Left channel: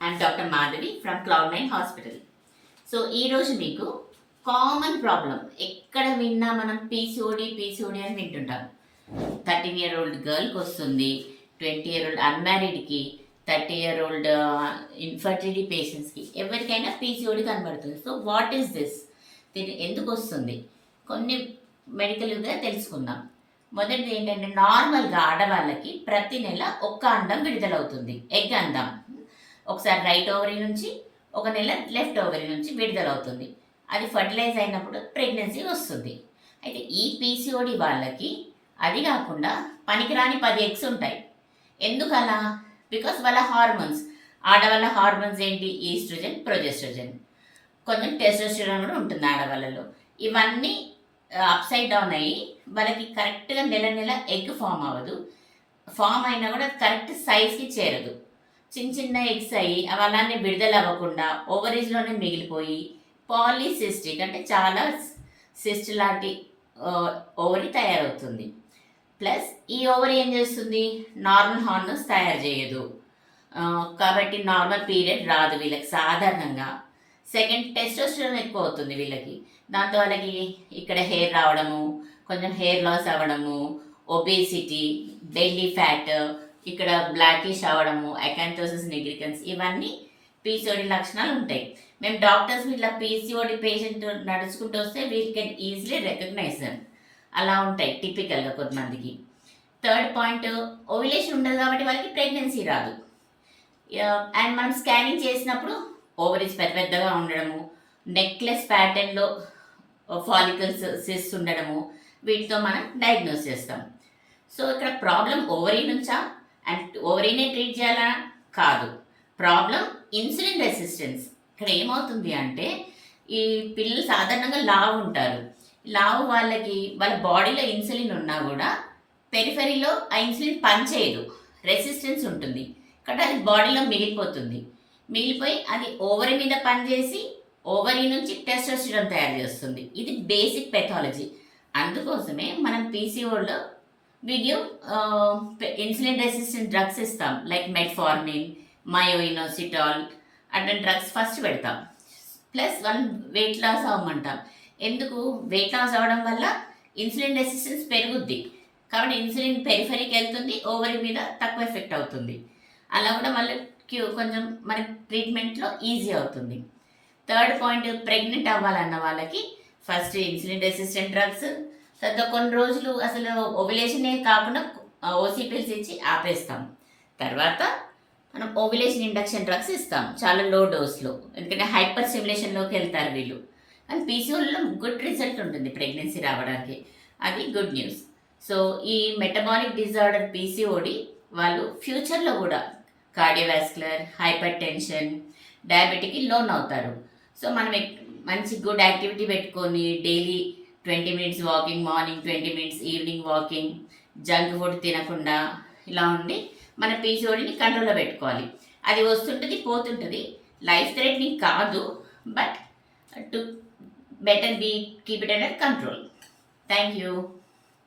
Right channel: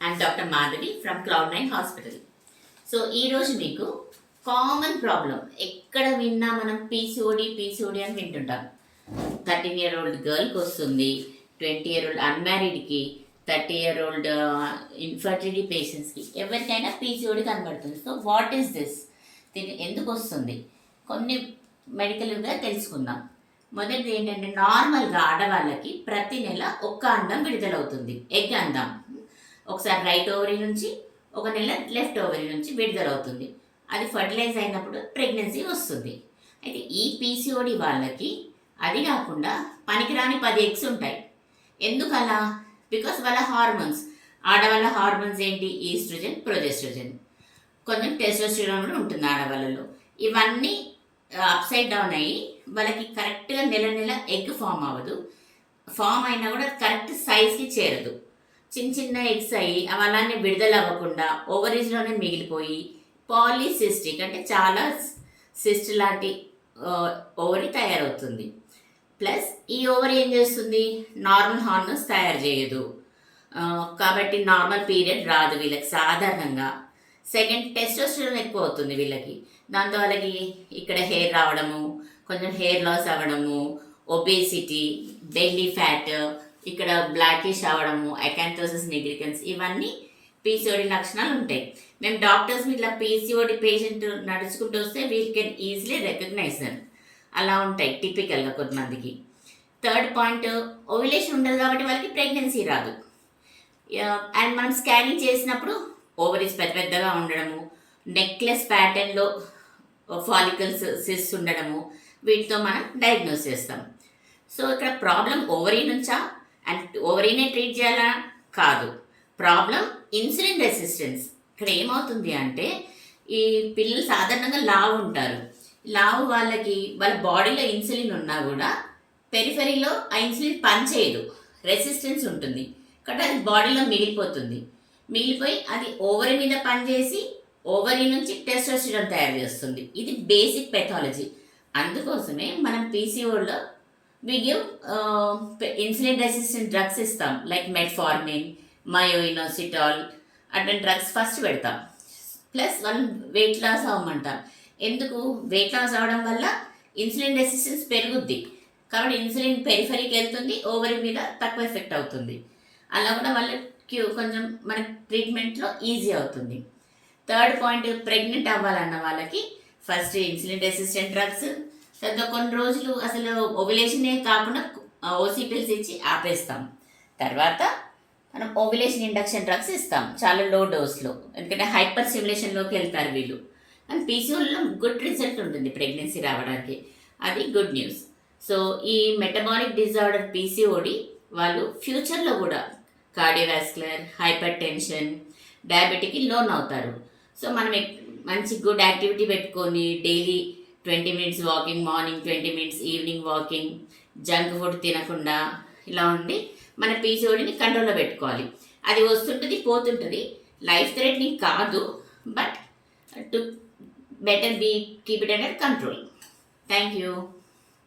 I'm Dr. Madhavi from Cloud9 Hospital. So ఈరోజు మీకు common problem ఎక్కడ విన్నా మనం పీసీఓడి అని వింటుంటాం. 13-year-old గర్ల్కి వస్తుంది, 20-year-old అన్మ్యారీడ్కి, 30-year-old ఇన్ఫర్టిలిటీ పేషెంట్స్కి, ఎవరికైనా పీసీఓడి కనబడుతుంది. So what is this? దీన్ని ఎందుకు వస్తుంది? కొన్ని మెడికల్గా తెలుసుకుందాం. మొదటిది ఏంటంటే, నార్మల్గా ఆడవాళ్ళకి ప్రతి నెల ఒక్క అండం విడుదలవుతుంది, ఎగ్ అందం. ఒకసారి రైట్ ఓవరీ నుంచి, ఒక నెల లెఫ్ట్ ఓవరీ నుంచి విడుదలవుతుంది. అది ఫర్టిలైజ్ అయినప్పుడు ప్రెగ్నెన్సీ వస్తుంది. అయితే ఈ పీసీఓడి వాళ్ళకి అది కాకుండా పనికిరాని 10 ఎగ్స్ ఉంటాయి. ఎందుకలా? బికాస్ వాళ్ళ హార్మోన్స్, ఆడవాళ్ళ హార్మోన్స్ ఏంటి? ఈస్ట్రోజన్, ప్రొజెస్ట్రోజన్, కొంచెం టెస్టోస్టెరాన్ కూడా ఉంటుంది ఆడవాళ్ళలో. ఇవన్నీ అప్సైడ్ డౌన్ అయ్యి వాళ్ళకి కరెక్ట్గా నెల నెల ఎగ్ ఫామ్ అవ్వదు. ఫామ్ అయినా కూడా కరెక్ట్ సైజ్కి చేరదు. చిన్న చిన్న ఎగ్స్ అయ్యి అవి అలానే విడుదల అవ్వకుండా ఓవరీస్లోనే మిగిలిపోయి పాలీసిస్టిక్ అంటే చాలా సిస్ట్ లాంటి ఓవరీ తయారవుతుంది. ప్లస్ ఈ ఓవరీ ఏం చేస్తుంది? నార్మల్ హార్మోన్స్ తయారు చేయదు. కాబట్టి నార్మల్ పీరియడ్ రాదు వీళ్ళకి సాధారణంగా. సెకండ్, టెస్టోస్టెరాన్ ఎక్కువ అవుతుంది వీళ్ళకి. దాంతో వాళ్ళకి ఇక్కడ హెయిర్ రావడము, కొంచెం హెయిర్ లాస్ అవ్వడము, ఒబేసిటీ, బెల్లీ ఫ్యాట్, ఇక్కడ బ్లాకిష్ అవ్వడము, అకాంథోసిస్ నిగ్రికన్స్, ఇవన్నీ పీసీఓడి లక్షణాలు ఉంటాయి. మేము డాక్టర్స్ ఇట్లా పీసీఓడి పేషెంట్ నడుచుకుంటూ వస్తే we can easily recognise them. అలా ఉంటాయి టిపికల్గా కొంతమందికి. థర్డ్ పాయింట్, ఓవ్యులేషన్ ఉండదు కాబట్టి వాళ్ళకి ప్రెగ్నెన్సీ రాదు. అండ్ మనం స్కానింగ్ చేసినప్పుడు ఓవరీస్ పెద్ద పెద్దగా ఉండడము, నెక్లెస్ ప్యాటర్న్లో ఫాలికల్స్ సిస్ ఉండడము, వీటితో మనం డయాగ్నోస్ చేస్తాం. సో ఇక్కడ ప్రాబ్లం ఓవరీ నుంచా అండ్ ఓవరీనే ట్రీట్ చేయాలా? కాదు. Problem insulin resistance. ఇక్కడ ఏమవుతుంది అంటే, ఈ పిల్లలు సాధారణంగా లావు ఉంటారు. లావు వాళ్ళకి వాళ్ళ బాడీలో ఇన్సులిన్ ఉన్నా కూడా పెరిఫెరీలో ఆ ఇన్సులిన్ పనిచేయదు, రెసిస్టెన్స్ ఉంటుంది. కాబట్టి అది బాడీలో మిగిలిపోయి అది ఓవరీ మీద పనిచేసి ఓవరీ నుంచి టెస్టోస్టెరాన్ తయారు చేస్తుంది. ఇది బేసిక్ పెథాలజీ. అందుకోసమే మనం పీసీఓలో we give insulin resistant drugs ఇస్తాం, లైక్ మెట్ఫార్మిన్, మయోఇనోసిటాల్ అటువంటి డ్రగ్స్ ఫస్ట్ పెడతాం. ప్లస్ వాళ్ళని వెయిట్ లాస్ అవ్వమంటాం. ఎందుకు? వెయిట్ లాస్ అవ్వడం వల్ల ఇన్సులిన్ రెసిస్టెన్స్ పెరుగుద్ది. కాబట్టి ఇన్సులిన్ పెరిఫరీకి వెళ్తుంది, ఓవరీ మీద తక్కువ ఎఫెక్ట్ అవుతుంది. అలా కూడా వాళ్ళకి కొంచెం మన ట్రీట్మెంట్లో ఈజీ అవుతుంది. థర్డ్ పాయింట్, ప్రెగ్నెంట్ అవ్వాలన్న వాళ్ళకి ఫస్ట్ ఇన్సులిన్ రెసిస్టెంట్ డ్రగ్స్, తర్వాత కొన్ని రోజులు అసలు ఓవ్యులేషనే కాకుండా ఓసీ పిల్స్ ఇచ్చి ఆపేస్తాం. తర్వాత మనం ఓవ్యులేషన్ ఇండక్షన్ డ్రగ్స్ ఇస్తాం చాలా లో డోస్లో, ఎందుకంటే హైపర్ స్టిమ్యులేషన్లోకి వెళ్తారు వీళ్ళు. అండ్ పీసీఓలో గుడ్ రిజల్ట్ ఉంటుంది ప్రెగ్నెన్సీ రావడానికి. అది గుడ్ న్యూస్. సో ఈ మెటబాలిక్ డిజార్డర్ పీసీఓడి వాళ్ళు ఫ్యూచర్లో కూడా కార్డియోవాస్కులర్, హైపర్ టెన్షన్, డయాబెటిక్కి లోన్ అవుతారు. సో మనం మంచి గుడ్ యాక్టివిటీ పెట్టుకొని daily 20 minutes walking, morning 20 minutes, evening walking, junk food తినకుండా ఇలా ఉండి మన పీసీఓడిని కంట్రోల్లో పెట్టుకోవాలి. అది వస్తుంటుంది, పోతుంటుంది, లైఫ్ థ్రెటనింగ్ కాదు, but to better be keep it under control. Thank you.